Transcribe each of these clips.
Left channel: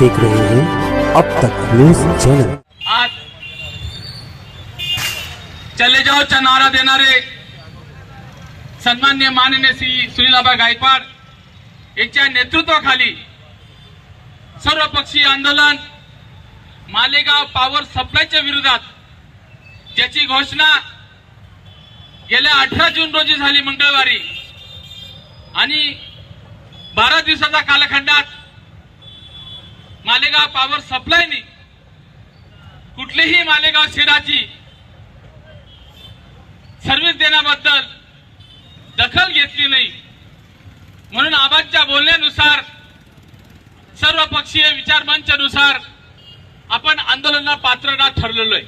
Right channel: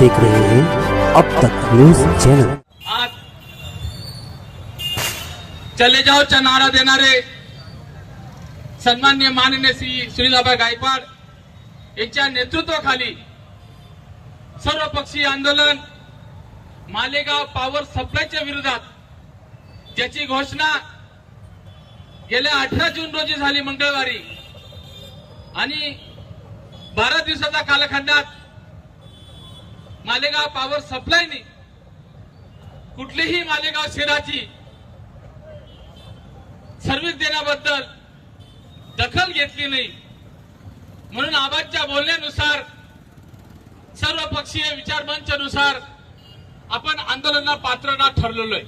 देख रहे हैं अब तक न्यूज चैनल। आज चले जाओ चा नारा देणारे सन्माननीय माननीय श्री सुनीलआबा गायकवाड यांच्या नेतृत्वाखाली सर्वपक्षीय आंदोलन मालेगाव पॉवर सप्लायच्या विरोधात ज्याची घोषणा गेल्या 18 जून रोजी झाली मंगळवारी आणि 12 दिवसाच्या कालखंडात मालेगाव पॉवर सप्लायने कुठलीही मालेगाव शहराची सर्व्हिस देण्याबद्दल दखल घेतली नाही। म्हणून आबांच्या बोलण्यानुसार सर्वपक्षीय विचारमंचानुसार आपण आंदोलनाला पात्र ठरलेलो आहे।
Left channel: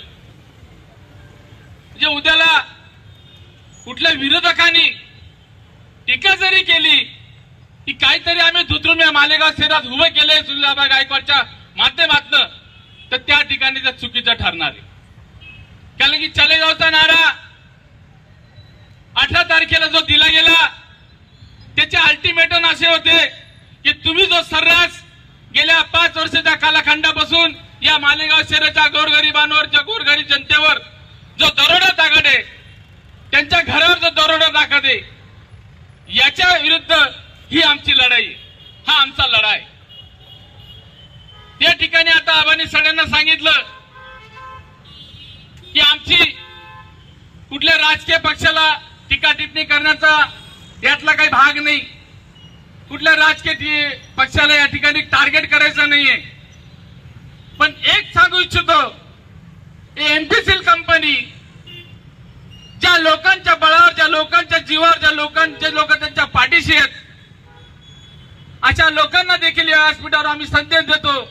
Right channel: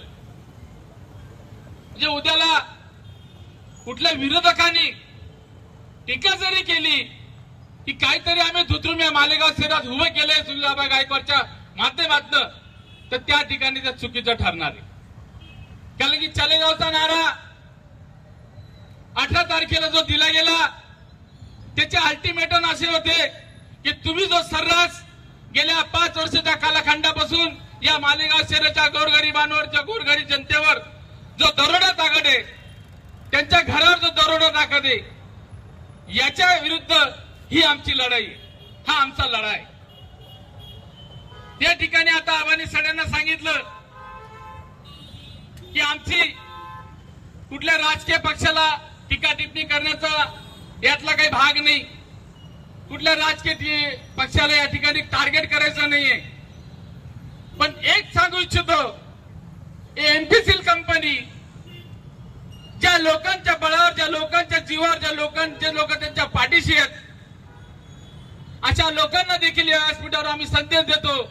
म्हणजे उद्याला कुठल्या विरोधकांनी टीका जरी केली की काहीतरी आम्ही धुतरून या मालेगाव शहरात उभं केलंय सुनीलआबा गायकवाडच्या माध्यमातून, तर त्या ठिकाणी ते चुकीचं ठरणार आहे। कारण की चले जाऊचा नारा 18 तारखेला जो दिला गेला त्याचे अल्टिमेटम असे होते की तुम्ही जो सर्रास गेल्या 5 वर्षाच्या कालखंडापासून या मालेगाव शहराच्या गोरगरिबांवरच्या गोरगरीब जनतेवर जो दरोडा टाकत आहे, त्यांच्या घरावर जो दरोडा टाकत आहे, याच्या विरुद्ध ही आमची लढाई, हा आमचा लढा आहे। या ठिकाणी आता आबांनी सगळ्यांना सांगितलं की आमची कुठल्या राजकीय पक्षाला टीका टिप्पणी करण्याचा यातला काही भाग नाही, कुठल्या राजकीय पक्षाला या ठिकाणी टार्गेट करायचं नाहीये। पण एक सांगू इच्छितो, एमपीसीएल कंपनी ज्या लोकांच्या बळावर, ज्या लोकांच्या जीवावर, जे लोक त्यांच्या पाठीशी आहेत, अशा लोकांना देखील या व्यासपीठावर आम्ही संदेश देतो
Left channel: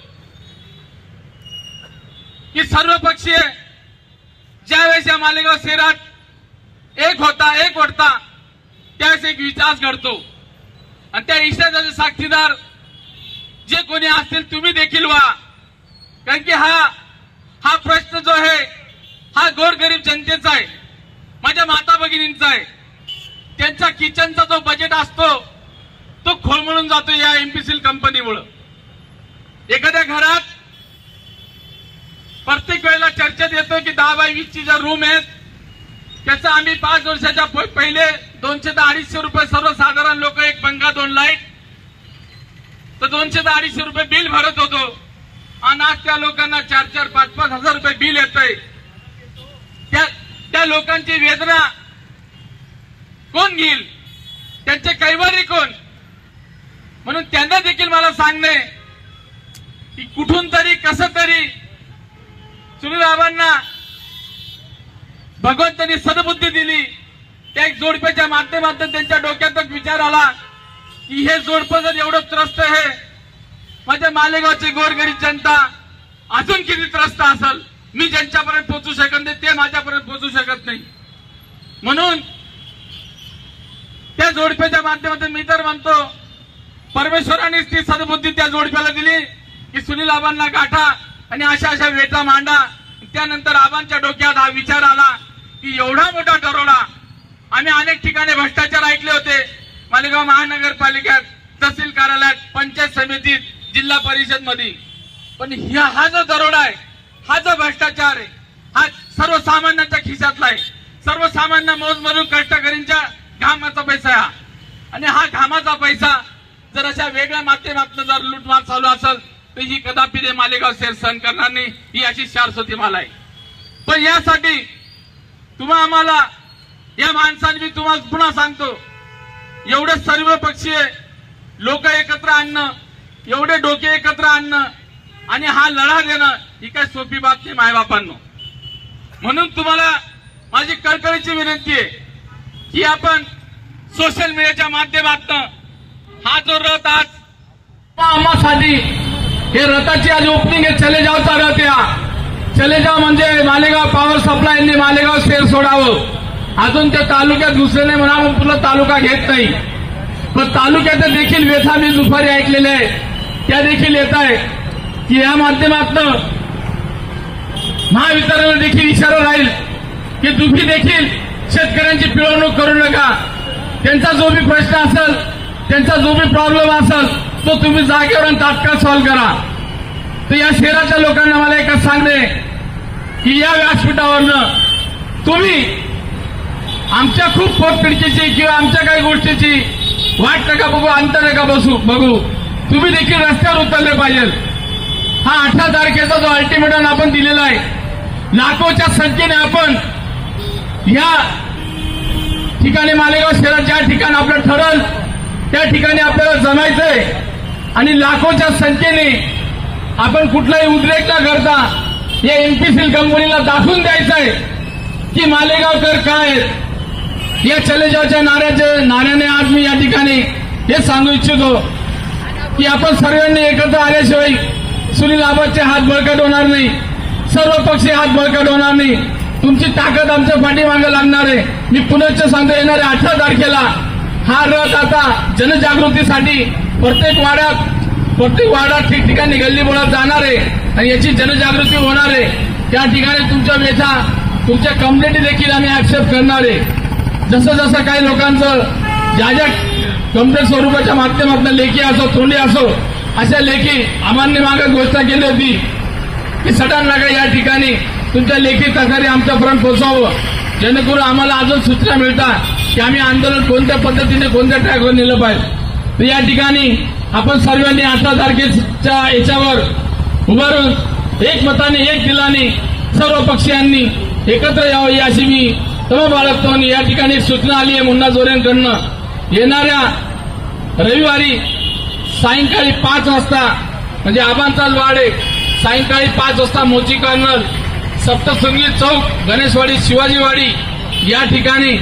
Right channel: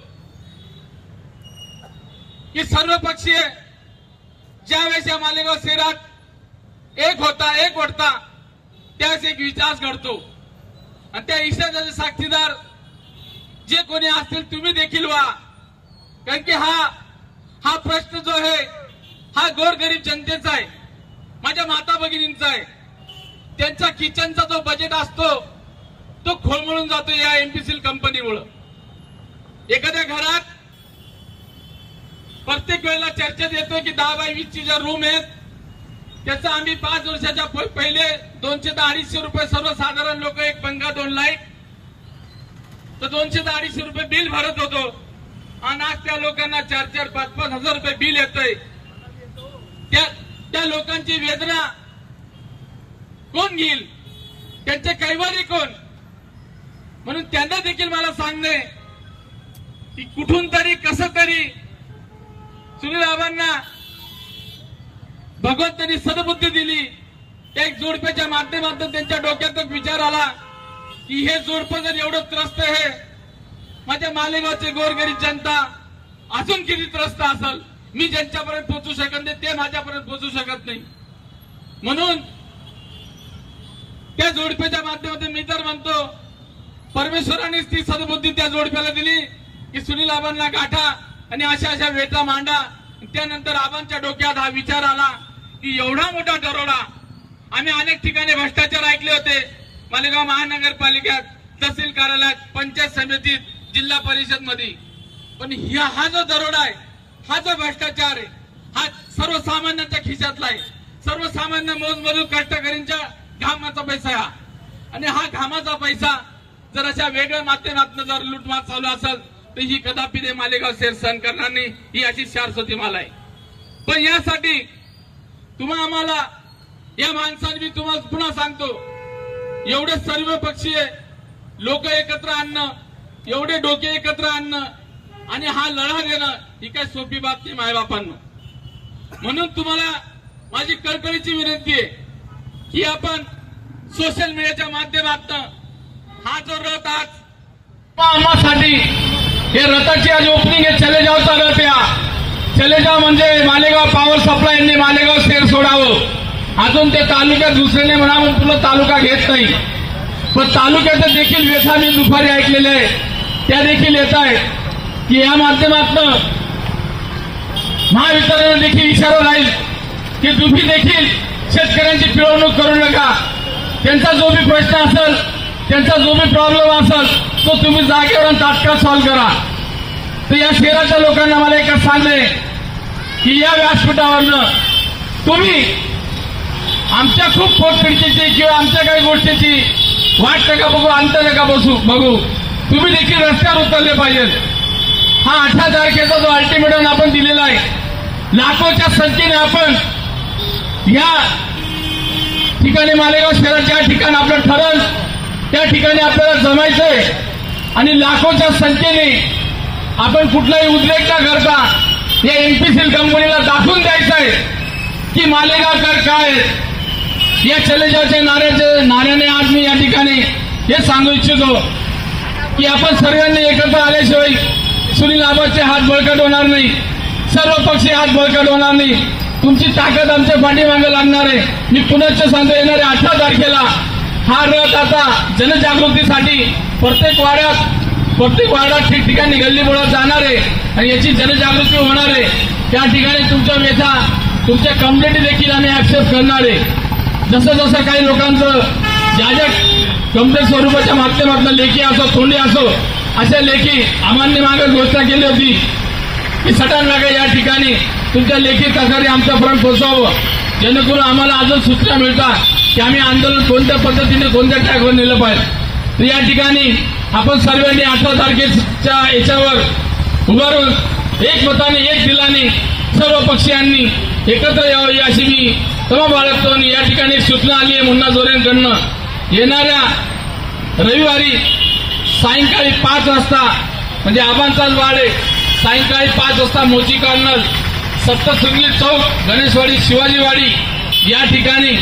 की सर्वपक्षीय ज्यावेळेस या मालेगाव शहरात एक होता त्यावेळेस एक विकास घडतो आणि त्या विषयाचे साक्षीदार जे कोणी असतील तुम्ही देखील व्हा। कारण की हा प्रश्न जो आहे हा गोरगरीब जनतेचा आहे, माझ्या माता भगिनींचा आहे। त्यांचा किचनचा जो बजेट असतो तो खोळंबळून जातो या एमपीसीएल कंपनीमुळे। एखाद्या घरात प्रत्येक वेळेला चर्चेत येतो की 10 बाय 20 ची ज्या रूम आहेत त्याचा आम्ही 5 वर्षाच्या पहिले 200 ते 250 रुपये सर्वसाधारण लोक, एक पंखा 2 लाईट, तर 200 ते 250 रुपये बिल भरत होतो आणि आज त्या लोकांना 4-4, 5-5 हजार रुपये बिल येतंय। त्या लोकांची वेदना कोण घेईल, त्यांचे कैवारी कोण? म्हणून त्यांना देखील मला सांगणे की कुठून तरी कसं तरी सुनीलआबांना भगवंतांनी सद्बुद्धी दिली, त्या एक जोडप्याच्या माध्यमातून त्यांच्या डोक्यात विचार आला की हे जोडपं जर एवढं त्रस्त आहे, माझ्या मालेगावचे गोरगरीब जनता अजून किती त्रस्त असेल, मी ज्यांच्यापर्यंत पोहोचू शकत नाही ते माझ्यापर्यंत पोहोचू शकत नाही। म्हणून त्या जोडप्याच्या माध्यमातून मी तर म्हणतो परमेश्वरानेच ती सद्बुद्धी त्या जोडप्याला दिली की सुनीलआबांना गाठा आणि अशा वेटा मांडा। त्यानंतर आबांच्या डोक्यात हा विचार आला की एवढा मोठा दरोडा, आम्ही अनेक ठिकाणी भ्रष्टाचार ऐकले होते, मालेगाव महानगरपालिकेत, तहसील कार्यालयात, पंचायत समितीत, जिल्हा परिषद मध्ये, पण हा जो दरोडा आहे, हा जो भ्रष्टाचार आहे, हा सर्वसामान्यांच्या खिशातला आहे। सर्वसामान्य मोजमजूर कष्टकरींच्या घामाचा पैसा आहे आणि हा घामाचा पैसा जर अशा वेगळ्या माध्यमातून जर लूटमार चालू असेल तर ही कदापि ते मालेगाव शहर सहन करणार नाही, ही अशी शाश्वती मला आहे। पण यासाठी आम्हाला या माणसांनी मी तुम्हाला पुन्हा सांगतो, एवढे सर्वपक्षीय लोक एकत्र आणणं, एवढे डोके एकत्र आणणं आणि हा लढा देणं ही काय सोपी बात नाही मायबापांनो। म्हणून तुम्हाला माझी कळकळीची विनंती आहे की आपण सोशल मीडियाच्या माध्यमातून हा जो रथ आज आम्हासाठी, हे रथाची आज ओपनिंग आहे, चले जावचा रथ या चले जाव म्हणजे मालेगाव पॉवर सप्लाय यांनी मालेगाव शहर सोडावं। अजून त्या तालुक्यात दुसऱ्याने म्हणा तुला तालुका घेत नाही, पण तालुक्यात देखील व्यथा मी दुपारी ऐकलेल्या आहे, त्या देखील येत आहेत की या माध्यमातून महावितरण देखील इशारा राहील की तुम्ही देखील शेतकऱ्यांची पिळवणूक करू नका, त्यांचा जो भी प्रश्न असेल, त्यांचा जो भी प्रॉब्लेम असेल तो तुम्ही जागेवर तात्काळ सॉल्व्ह करा। तर या शहराच्या लोकांना मला एकच सांगणे की या व्यासपीठावरनं तुम्ही आमच्या खूप पोटपिडकीची किंवा आमच्या काही गोष्टीची वाट नका बघू, अंत नका बघू. तुम्ही देखील रस्त्यावर उतरले पाहिजे. हा 18 तारखेचा जो अल्टिमेटम आपण दिलेला आहे, लाखोच्या संख्येने आपण या ठिकाणी मालेगाव शहरात ज्या ठिकाणी आपलं ठरल त्या ठिकाणी आपल्याला जमायचंय आणि लाखोच्या संख्येने आपण कुठलाही उद्रेक न करता या एमपीसीएल कंपनीला दाखवून द्यायचं आहे की मालेगावकर काय. या चले जावच्या नाऱ्याने आज मी या ठिकाणी हे सांगू इच्छितो की आपण सर्वांनी एकत्र आल्याशिवाय सुनील आबाचे हात बळकट होणार नाही, सर्व पक्षीय हात बळकट होणार नाही. तुमची ताकद आमच्या पाठीमागे लागणार आहे. मी पुनश्च सांगतो, येणाऱ्या 18 तारखेला हा रथ आता जनजागृतीसाठी प्रत्येक वाड्यात ठिकठिकाणी गल्लीबोळात जाणार आहे आणि याची जनजागृती होणार आहे. त्या ठिकाणी तुमच्या व्यथा, तुमच्या कंप्लेंट देखील आम्ही ऍक्सेप्ट करणार आहे. जसं जसं काही लोकांचं ज्या कंप्लेंट स्वरूपाच्या माध्यमातून लेखी असो, तोंडी असो, अशा लेखी आम्हाला मागे घोषणा केली होती की सटाणनगर या ठिकाणी तुमच्या लेखी तक्रारी आमच्यापर्यंत पोहोचावं, जेणेकरून आम्हाला अजून सूचना मिळतात की आम्ही आंदोलन कोणत्या पद्धतीने कोणत्या ट्रॅकवर नेलं पाहिजे. तर या ठिकाणी आपण सर्वांनी 18 तारखेच्या याच्यावर उभारून एकमताने, एक दिलाने सर्व पक्षीयांनी एकत्र यावं अशी मी तमा बाळगतो. आणि या ठिकाणी एक सूचना आली आहे मुन्ना जोरेंकडनं, येणाऱ्या रविवारी सायंकाळी 5 वाजता म्हणजे आबांचा गाडे सायंकाळी 5 वाजता मोची कर्नल, सप्तशृंगी चौक, गणेशवाडी, शिवाजीवाडी या ठिकाणी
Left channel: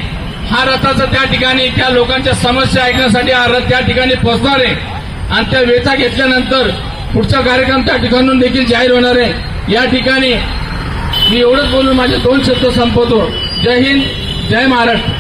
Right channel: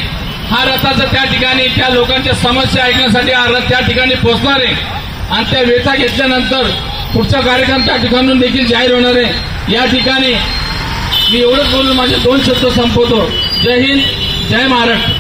हा रथाचा त्या ठिकाणी त्या लोकांच्या समस्या ऐकण्यासाठी हा रथ त्या ठिकाणी पोहोचणार आहे आणि त्या वेथा घेतल्यानंतर पुढचा कार्यक्रम त्या ठिकाणून देखील जाहीर होणार आहे. या ठिकाणी मी एवढंच बोलून माझे 2 शब्द संपवतो. जय हिंद, जय महाराष्ट्र.